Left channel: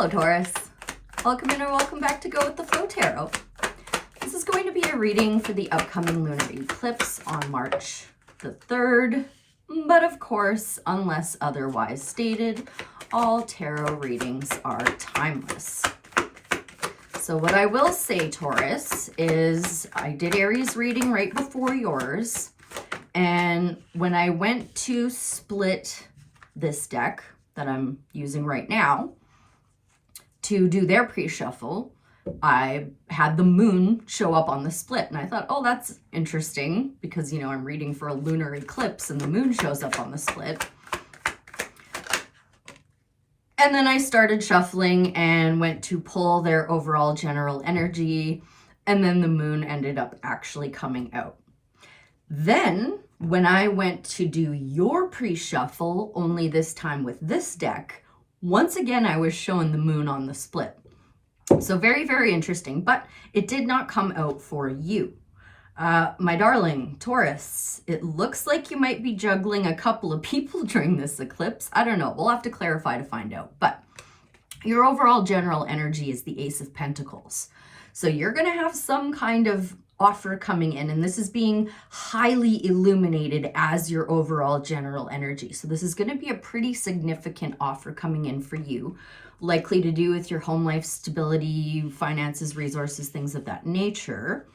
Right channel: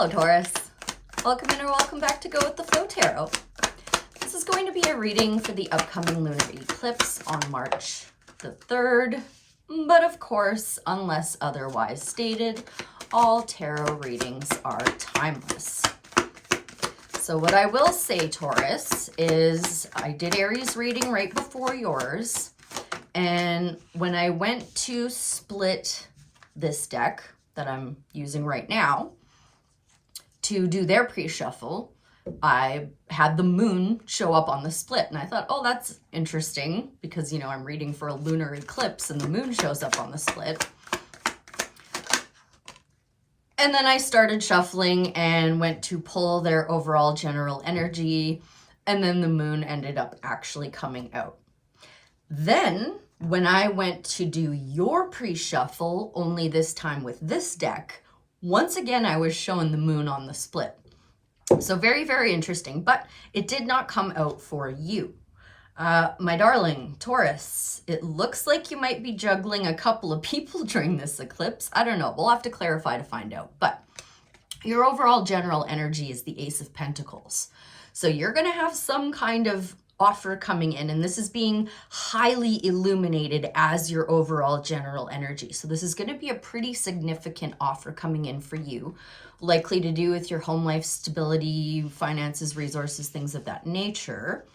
Hello, Taurus. Welcome in or welcome back to Go With The Flow Tarot. This is going to be a reading for the upcoming lunar eclipse on March the 3rd. But of course, unless otherwise stated, all tarot readings are timeless. So what I will say, Taurus, is I did Aries reading right before yours. And when I went to split this deck that I'm using right now to do their pre-shuffle, I had the moon show up on the split. And I thought, oh, that's interesting because, you know, I'm reading for a lunar eclipse and the moon shows up on the split. And then I started shuffling and went to pull their overall general energy. And then the moon ended up actually coming out. Then when I went to do your pre-shuffle, only this time with this deck, once again, I was showing the moon on the split. So very, very interesting, but it did not come out for you. My darling Taurus, it looks like you might be juggling a couple of people during this eclipse. I don't know. We'll have to clarify to find out. But your overall general energy is the Ace of Pentacles. So you're going to have some kind of offer coming in, and this is being highly illuminated as your overall general energy. So this is going to be a pretty significant offer coming in for you, likely to do with your home life stability, finances, resources, things of that nature.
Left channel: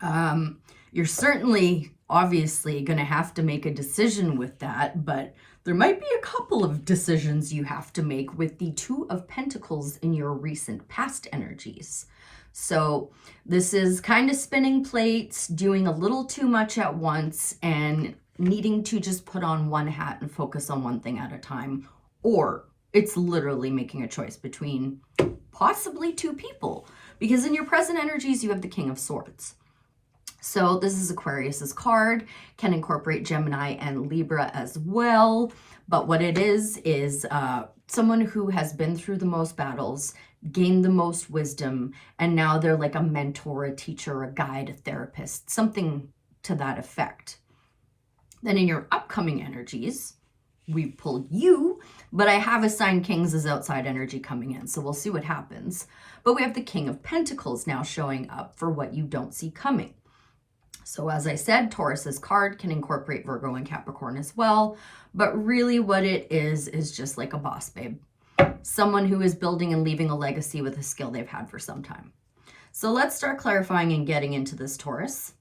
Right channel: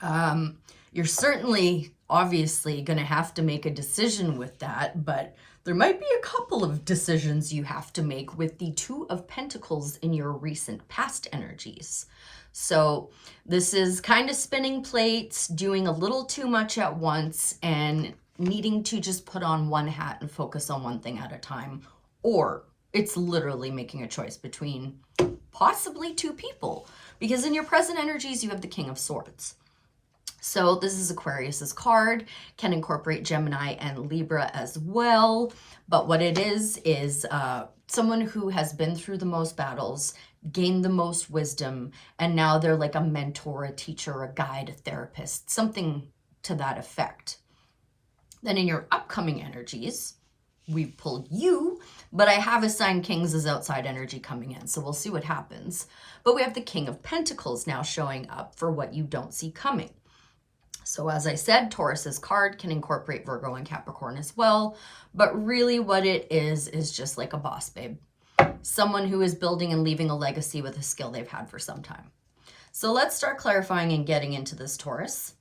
You're certainly, obviously, going to have to make a decision with that, but there might be a couple of decisions you have to make with the Two of Pentacles in your recent past energies. So this is kind of spinning plates, doing a little too much at once, and needing to just put on one hat and focus on one thing at a time. Or it's literally making a choice between possibly two people. Because in your present energies, you have the King of Swords. So this is Aquarius's card, can incorporate Gemini and Libra as well. But what it is someone who has been through the most battles, gained the most wisdom, and now they're like a mentor, a teacher, a guide, a therapist, something to that effect. Then in your upcoming energies, we pulled you, but I have assigned Kings as outside energy coming in, so we'll see what happens. But we have the King of Pentacles now showing up for what you don't see coming. So as I said, Taurus's card can incorporate Virgo and Capricorn as well, but really what it is just like a boss babe. Someone who is building and leaving a legacy with a skill they've had for some time. So let's start clarifying and getting into this, Taurus.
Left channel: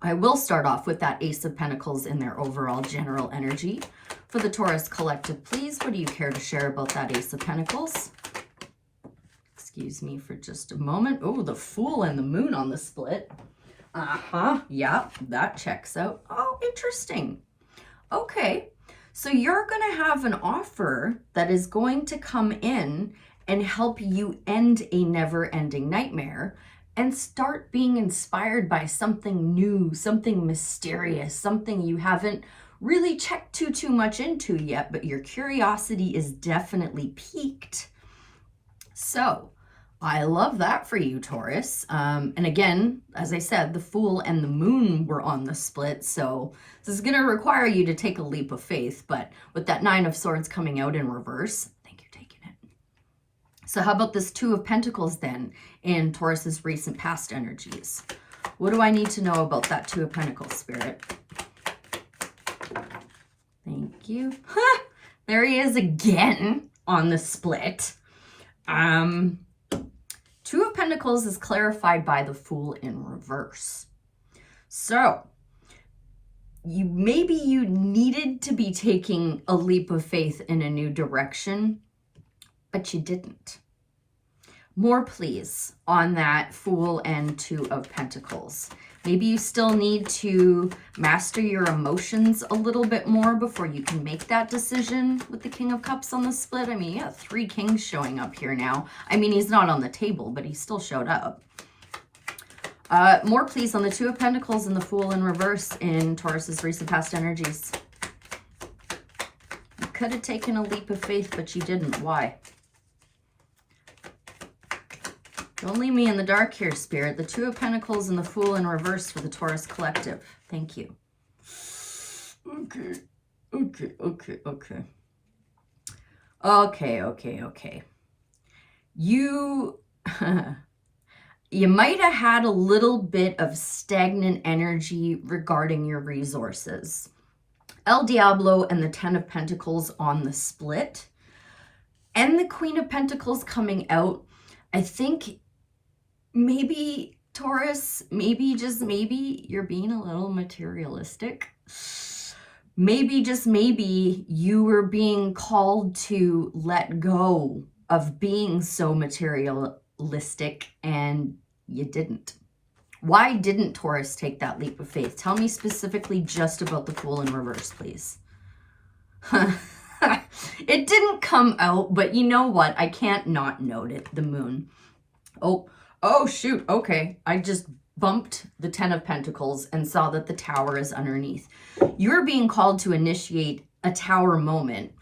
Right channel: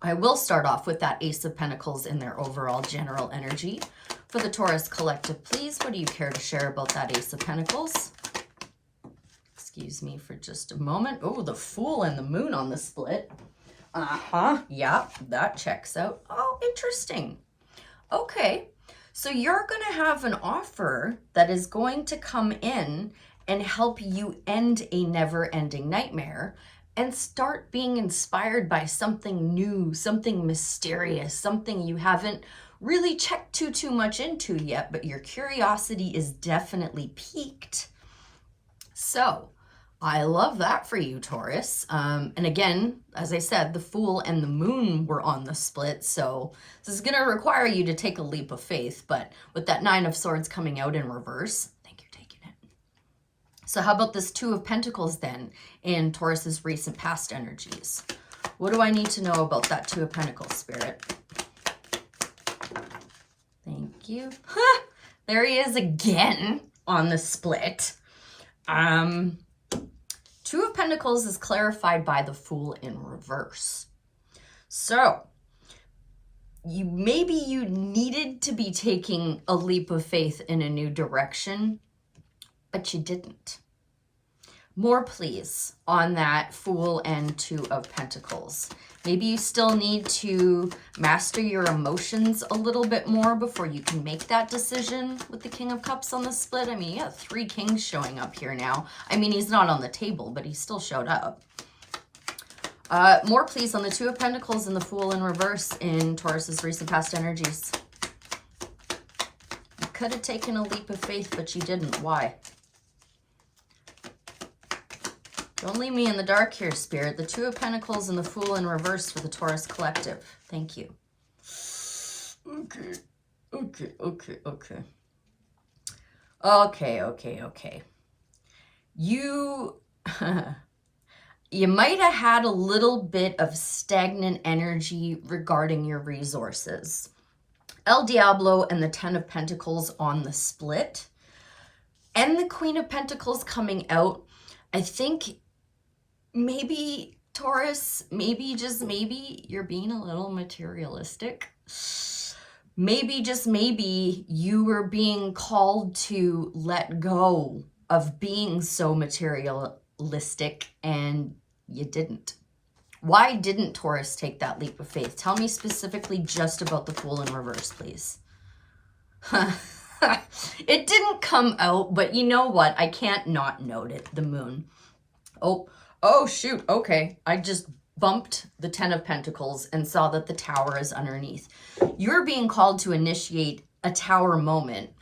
I will start off with that Ace of Pentacles in their overall general energy. For the Taurus collective, please, what do you care to share about that Ace of Pentacles? Excuse me for just a moment. Oh, the Fool and the Moon on the split. Yeah, that checks out. Oh, interesting. Okay. So you're going to have an offer that is going to come in and help you end a never-ending nightmare and start being inspired by something new, something mysterious, something you haven't really checked too much into yet, but your curiosity is definitely piqued. So I love that for you, Taurus. And again, as I said, the Fool and the Moon were on the split, so this is going to require you to take a leap of faith, but with that Nine of Swords coming out in reverse, I think you're taking it. So how about this Two of Pentacles then in Taurus's recent past energies? What do I need to know about that Two of Pentacles, Spirit? Thank you. There he is again on the split. Two of Pentacles is clarified by the Fool in reverse. So maybe you needed to be taking a leap of faith in a new direction, but you didn't. More, please, on that Fool and Two of Pentacles. Maybe you still need to master your emotions a little bit more before you can make that decision with the King of Cups on the split. I mean, you have 3 kings showing up here now. I mean, he's not on the table, but he still showed up. More, please, on the Two of Pentacles and the Fool in reverse in Taurus's recent past energies. You could have taken a leap of faith, but you didn't. Why? Don't leave me in the dark here, Spirit. The Two of Pentacles and the Fool in reverse for the Taurus collective. Thank you. Okay. You, you might have had a little bit of stagnant energy regarding your resources. El Diablo and the 10 of Pentacles on the split, and the Queen of Pentacles coming out. I think maybe, Taurus, maybe, just maybe, you're being a little materialistic. Maybe, just maybe, you were being called to let go of being so materialistic, and you didn't. Why didn't Taurus take that leap of faith? Tell me specifically just about the Fool in reverse, please. It didn't come out, but you know what? I can't not note it. The Moon. Oh, shoot. Okay. I just bumped the 10 of Pentacles and saw that the Tower is underneath. You're being called to initiate a Tower moment.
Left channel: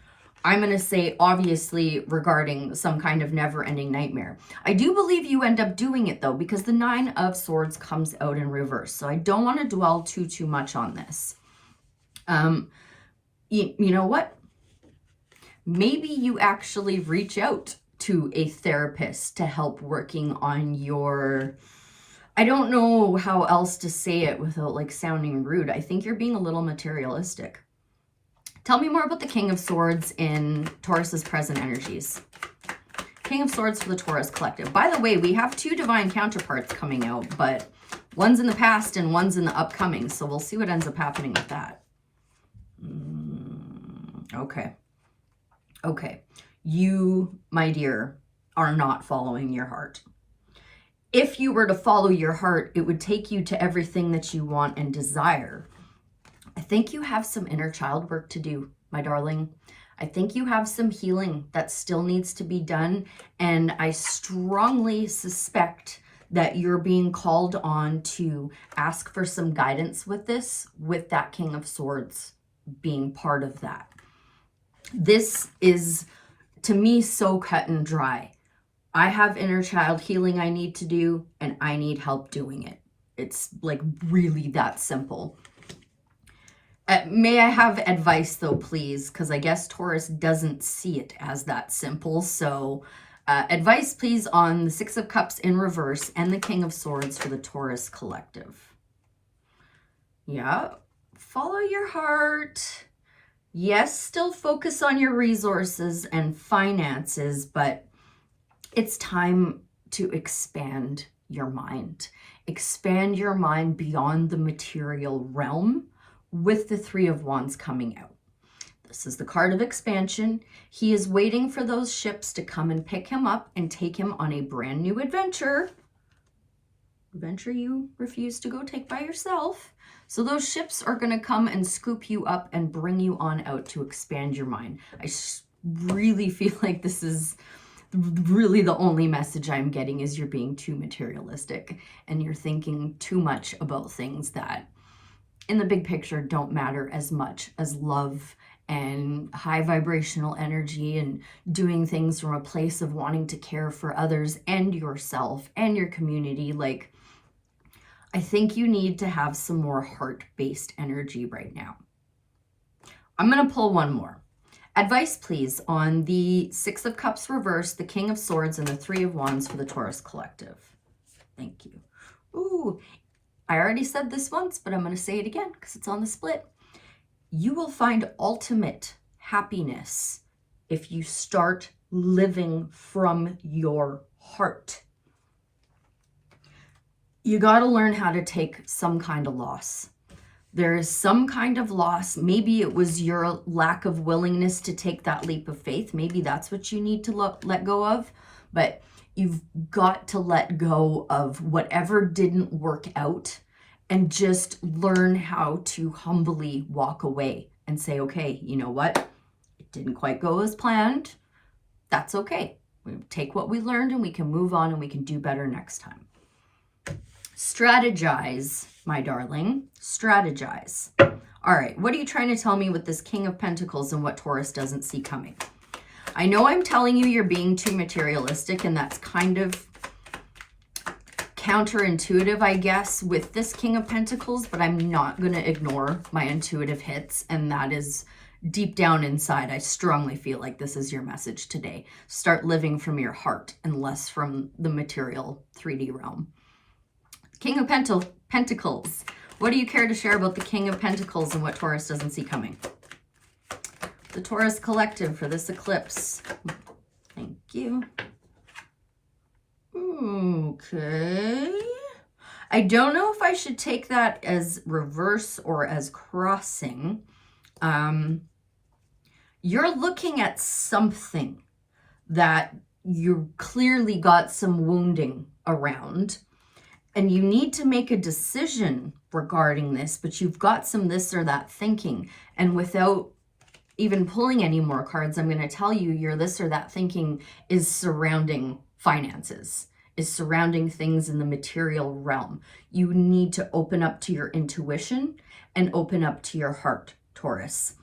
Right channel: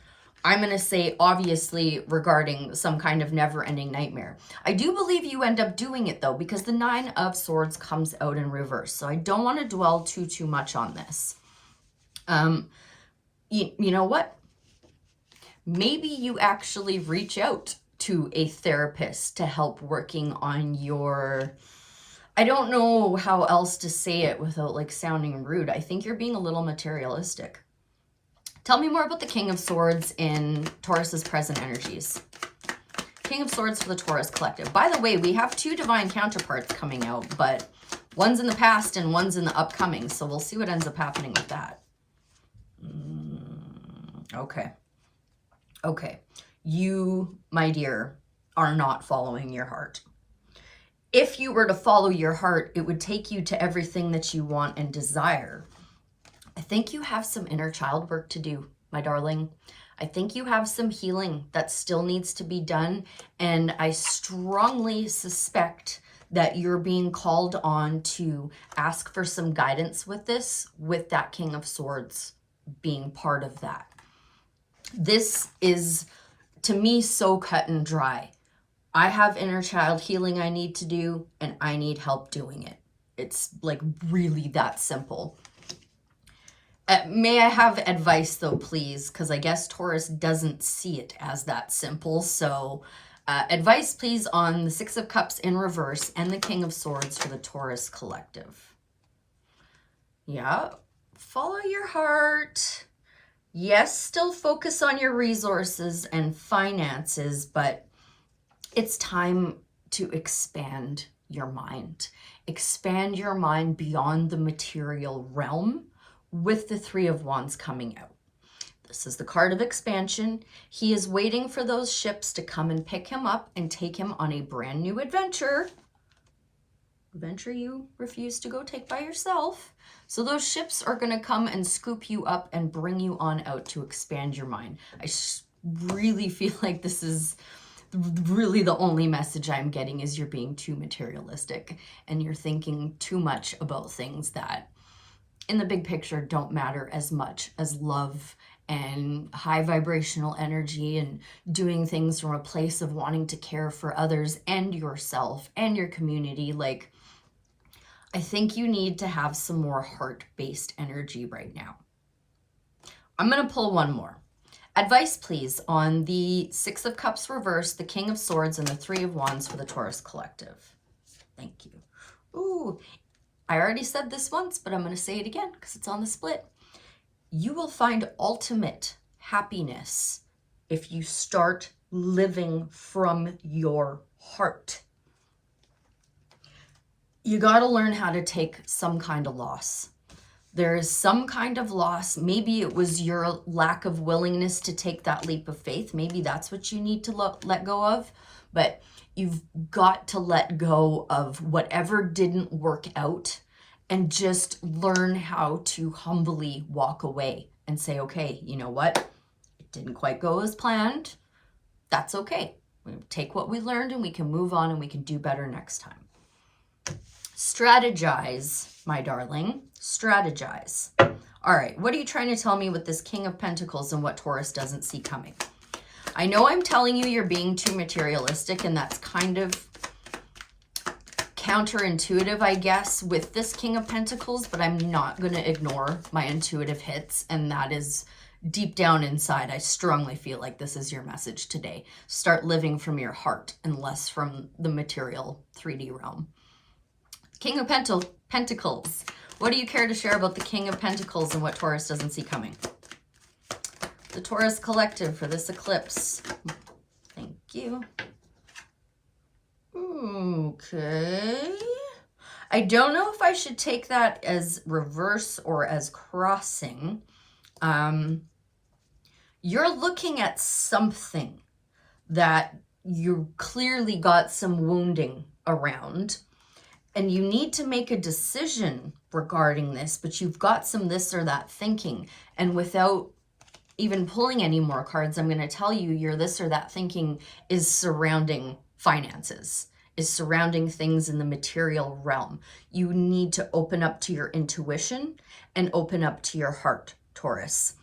I'm going to say, obviously, regarding some kind of never-ending nightmare. I do believe you end up doing it, though, because the 9 of Swords comes out in reverse. So I don't want to dwell too much on this. You know what? Maybe you actually reach out to a therapist to help working on your... I don't know how else to say it without, like, sounding rude. I think you're being a little materialistic. Tell me more about the King of Swords in Taurus's present energies. King of Swords for the Taurus collective. By the way, we have 2 divine counterparts coming out, but one's in the past and one's in the upcoming. So we'll see what ends up happening with that. Okay. Okay. You, my dear, are not following your heart. If you were to follow your heart, it would take you to everything that you want and desire. I think you have some inner child work to do, my darling. I think you have some healing that still needs to be done. And I strongly suspect that you're being called on to ask for some guidance with this, with that King of Swords being part of that. This is, to me, so cut and dry. I have inner child healing I need to do, and I need help doing it. It's like really that simple. May I have advice, though, please? Because I guess Taurus doesn't see it as that simple. So advice, please, on the 6 of Cups in reverse and the King of Swords for the Taurus collective. Yeah, follow your heart. Yes, still focus on your resources and finances, but it's time to expand your mind. Expand your mind beyond the material realm with the 3 of Wands coming out. This is the card of expansion. He is waiting for those ships to come and pick him up and take him on a brand new adventure. Adventure you refuse to go take by yourself. So those ships are going to come and scoop you up and bring you on out to expand your mind. I really feel like this is really the only message I'm getting is you're being too materialistic and you're thinking too much about things that in the big picture don't matter as much as love and high vibrational energy and doing things from a place of wanting to care for others and yourself and your community. Like, I think you need to have some more heart-based energy right now. I'm going to pull one more. Advice, please, on the 6 of Cups reverse, the King of Swords, and the 3 of Wands for the Taurus collective. Thank you. Ooh, I already said this once, but I'm going to say it again because it's on the split. You will find ultimate happiness if you start living from your heart. You got to learn how to take some kind of loss. There is some kind of loss. Maybe it was your lack of willingness to take that leap of faith. Maybe that's what you need to let go of. But you've got to let go of whatever didn't work out and just learn how to humbly walk away and say, okay, you know what? It didn't quite go as planned. That's okay. We take what we learned and we can move on and we can do better next time. Strategize, my darling. Strategize. All right, what are you trying to tell me with this King of Pentacles and what Taurus doesn't see coming? I know I'm telling you you're being too materialistic, and that's kind of counterintuitive, I guess, with this King of Pentacles, but I'm not going to ignore my intuitive hits, and that is deep down inside, I strongly feel like this is your message today. Start living from your heart and less from the material 3D realm. King of Pentacles. What do you care to share about the King of Pentacles and what Taurus doesn't see coming? The Taurus Collective for this eclipse. Thank you. Okay. I don't know if I should take that as reverse or as crossing. You're looking at something that you clearly got some wounding around, and you need to make a decision regarding this, but you've got some this or that thinking. And without even pulling any more cards, I'm going to tell you your this or that thinking is surrounding finances, is surrounding things in the material realm. You need to open up to your intuition and open up to your heart, Taurus.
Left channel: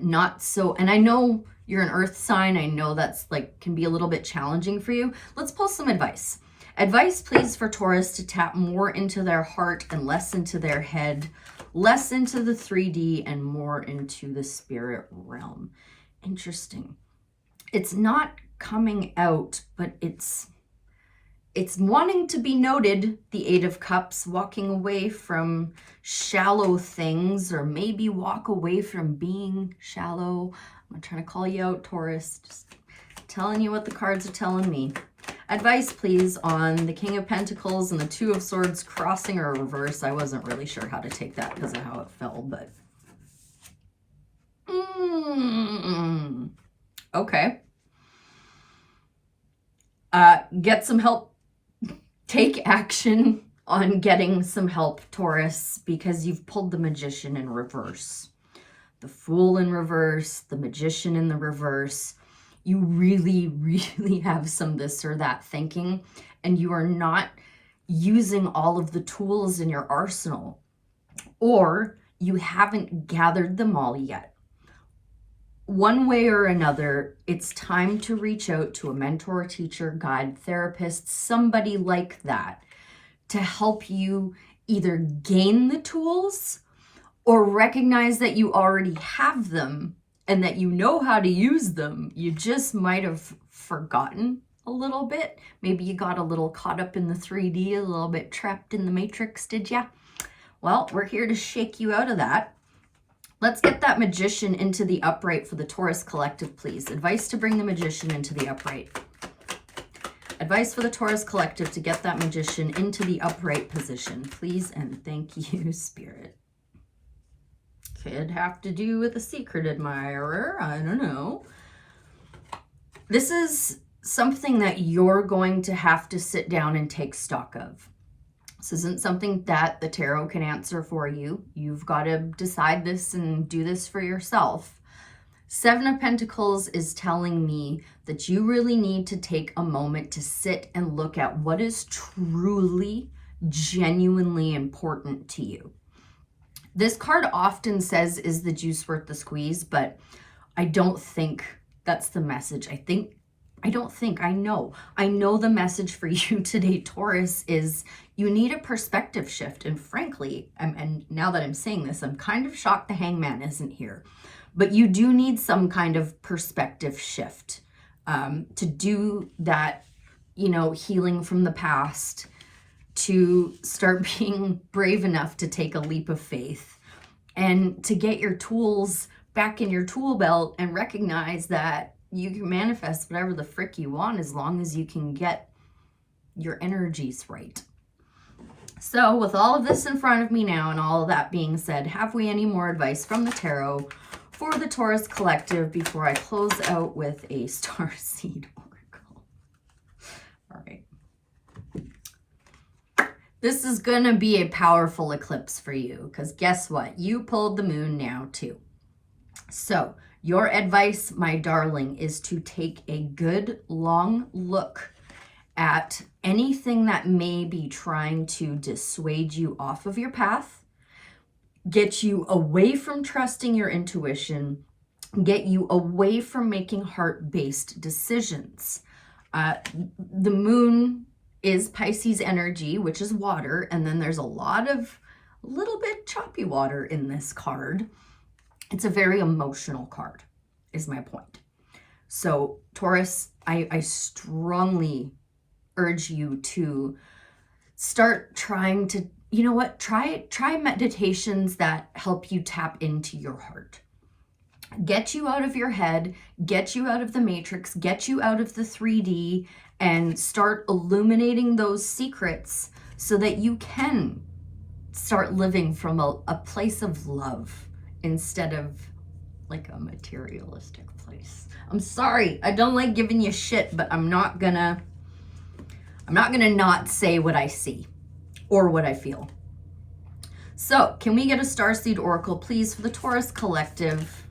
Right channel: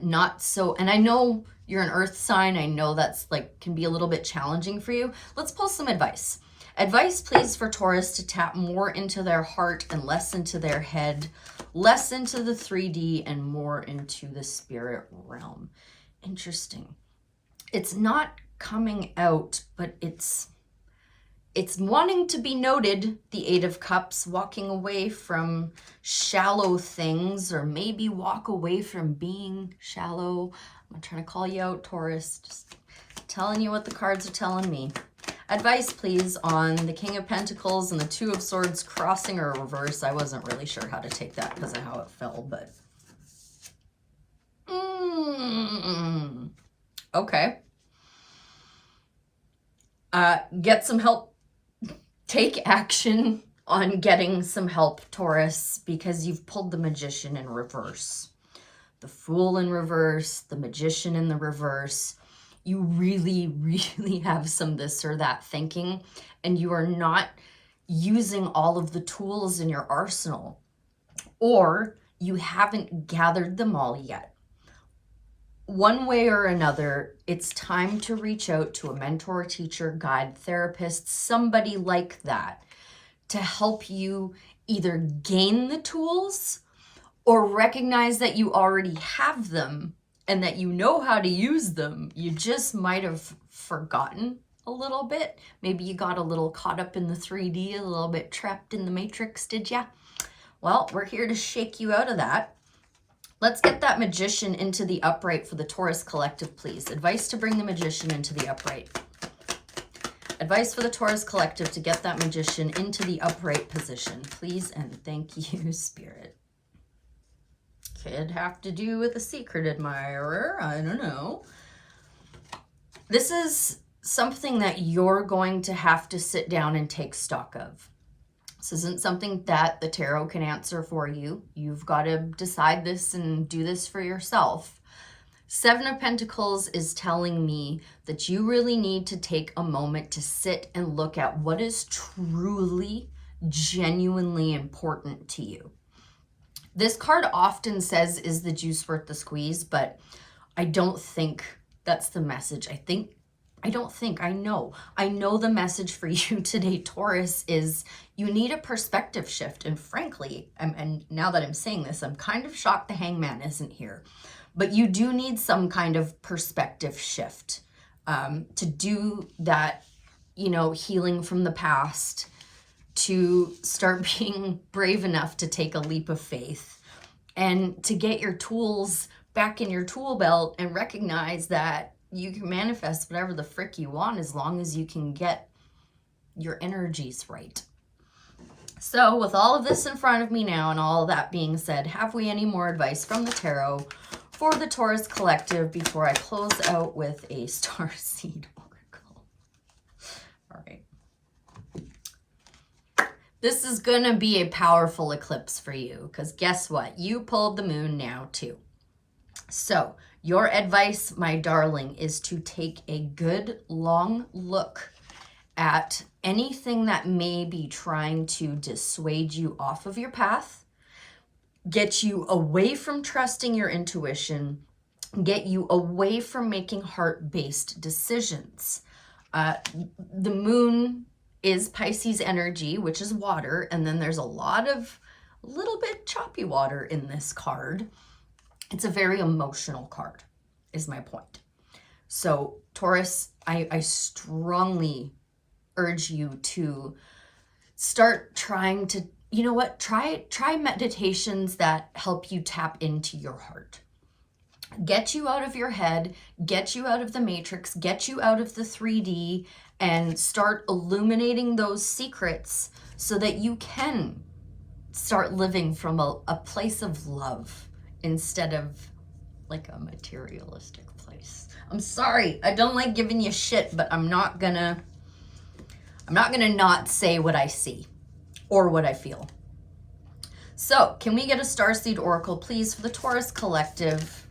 Not so, and I know you're an earth sign. I know that's like can be a little bit challenging for you. Let's pull some advice. Advice, please, for Taurus to tap more into their heart and less into their head, less into the 3D and more into the spirit realm. Interesting. It's not coming out, but it's wanting to be noted, the Eight of Cups, walking away from shallow things, or maybe walk away from being shallow. I'm not trying to call you out, Taurus. Just telling you what the cards are telling me. Advice, please, on the King of Pentacles and the Two of Swords crossing or reverse. I wasn't really sure how to take that because of how it fell, but... Okay. Get some help. Take action on getting some help, Taurus, because you've pulled the Magician in reverse. The Fool in reverse, the Magician in the reverse. You really, really have some this or that thinking, and you are not using all of the tools in your arsenal, or you haven't gathered them all yet. One way or another, it's time to reach out to a mentor, teacher, guide, therapist, somebody like that, to help you either gain the tools or recognize that you already have them and that you know how to use them. You just might have forgotten a little bit. Maybe you got a little caught up in the 3D, a little bit trapped in the matrix, did ya? Well, we're here to shake you out of that. Let's get that Magician into the upright for the Taurus Collective, please. Advice to bring the Magician into the upright. Advice for the Taurus Collective to get that Magician into the upright position, please, and thank you, Spirit. Could have to do with a secret admirer. I don't know. This is something that you're going to have to sit down and take stock of. This isn't something that the tarot can answer for you. You've got to decide this and do this for yourself. Seven of Pentacles is telling me that you really need to take a moment to sit and look at what is truly, genuinely important to you. This card often says, is the juice worth the squeeze? But I don't think that's the message. I know the message for you today, Taurus, is you need a perspective shift. And frankly, and now that I'm saying this, I'm kind of shocked the Hangman isn't here. But you do need some kind of perspective shift to do that, healing from the past, to start being brave enough to take a leap of faith and to get your tools back in your tool belt and recognize that you can manifest whatever the frick you want as long as you can get your energies right. So with all of this in front of me now and all of that being said, have we any more advice from the tarot for the Taurus Collective before I close out with a Starseed Oracle? All right. This is going to be a powerful eclipse for you because guess what? You pulled the moon now too. So your advice, my darling, is to take a good long look at anything that may be trying to dissuade you off of your path, get you away from trusting your intuition, get you away from making heart-based decisions. The moon is Pisces energy, which is water, and then there's a little bit choppy water in this card. It's a very emotional card, is my point. So Taurus, I strongly urge you to start trying to, you know what, try meditations that help you tap into your heart. Get you out of your head, get you out of the matrix, get you out of the 3D, and start illuminating those secrets so that you can start living from a place of love instead of like a materialistic place. I'm sorry, I don't like giving you shit, but I'm not gonna not say what I see or what I feel. So, can we get a Starseed Oracle, please, for the Taurus Collective?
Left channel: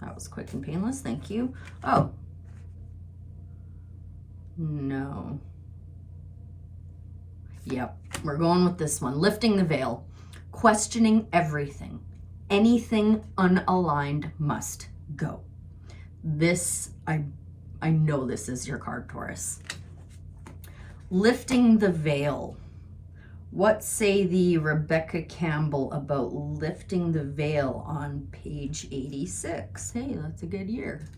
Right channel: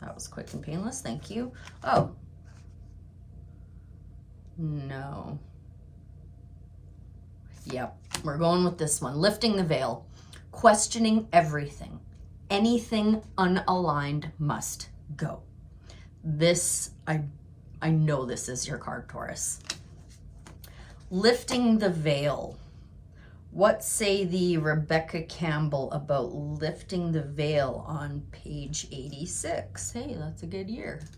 That was quick and painless, thank you. Oh. No. Yep, we're going with this one. Lifting the veil. Questioning everything. Anything unaligned must go. This, I know this is your card, Taurus. Lifting the veil. What say the Rebecca Campbell about lifting the veil on page 86? Hey, that's a good year.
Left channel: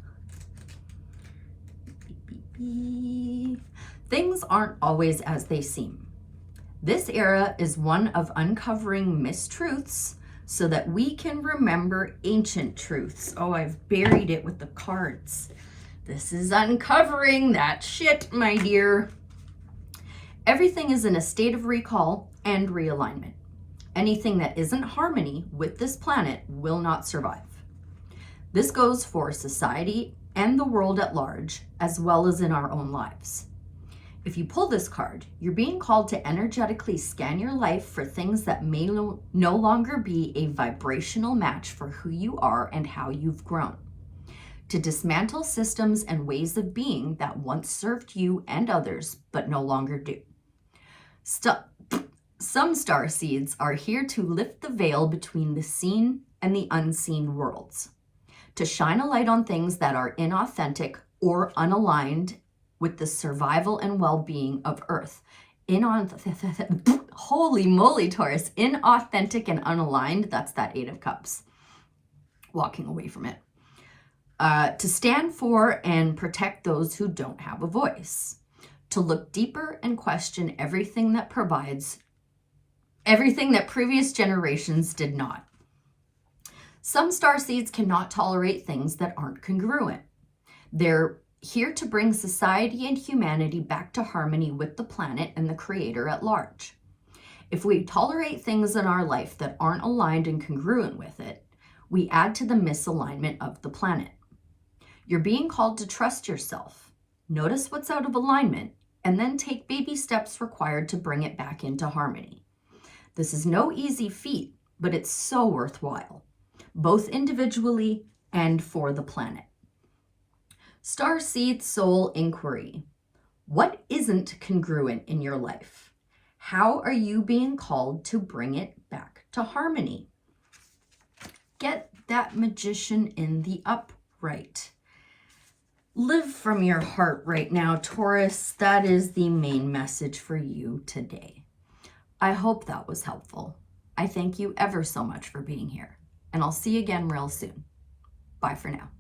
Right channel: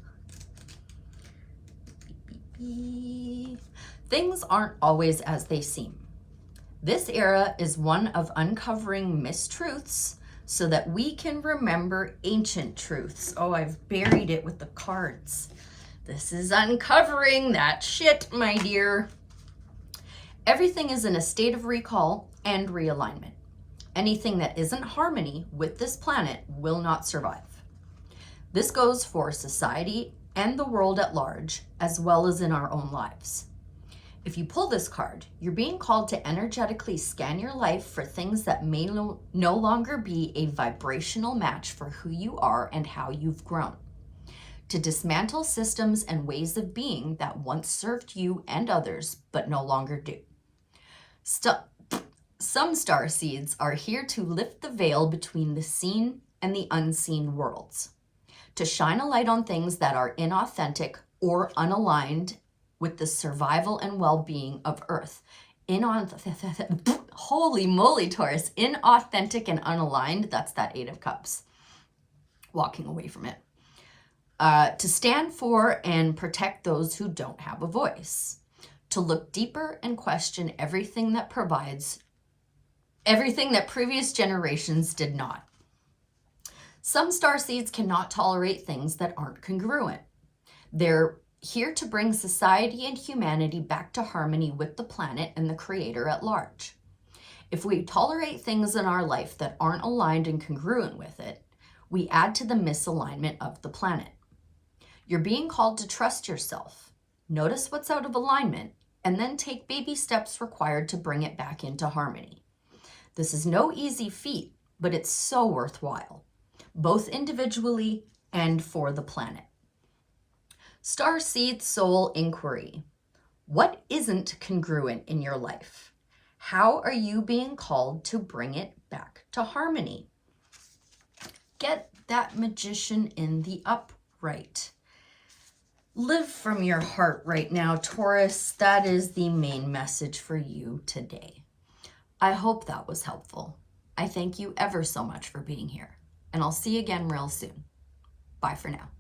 Things aren't always as they seem. This era is one of uncovering mistruths so that we can remember ancient truths. Oh, I've buried it with the cards. This is uncovering that shit, my dear. Everything is in a state of recall and realignment. Anything that isn't harmony with this planet will not survive. This goes for society and the world at large, as well as in our own lives. If you pull this card, you're being called to energetically scan your life for things that may no longer be a vibrational match for who you are and how you've grown. To dismantle systems and ways of being that once served you and others, but no longer do. Some starseeds are here to lift the veil between the seen and the unseen worlds, to shine a light on things that are inauthentic or unaligned with the survival and well-being of Earth. Holy moly, Taurus, inauthentic and unaligned, that's that 8 of Cups. Walking away from it. To stand for and protect those who don't have a voice. To look deeper and question everything that previous generations did not. Some starseeds cannot tolerate things that aren't congruent. They're here to bring society and humanity back to harmony with the planet and the Creator at large. If we tolerate things in our life that aren't aligned and congruent with it, we add to the misalignment of the planet. You're being called to trust yourself. Notice what's out of alignment, and then take baby steps required to bring it back into harmony. This is no easy feat, but it's so worthwhile, both individually and for the planet. Starseed Soul Inquiry. What isn't congruent in your life? How are you being called to bring it back to harmony? Get that magician in the upright. Live from your heart right now, Taurus. That is the main message for you today. I hope that was helpful. I thank you ever so much for being here, and I'll see you again real soon. Bye for now.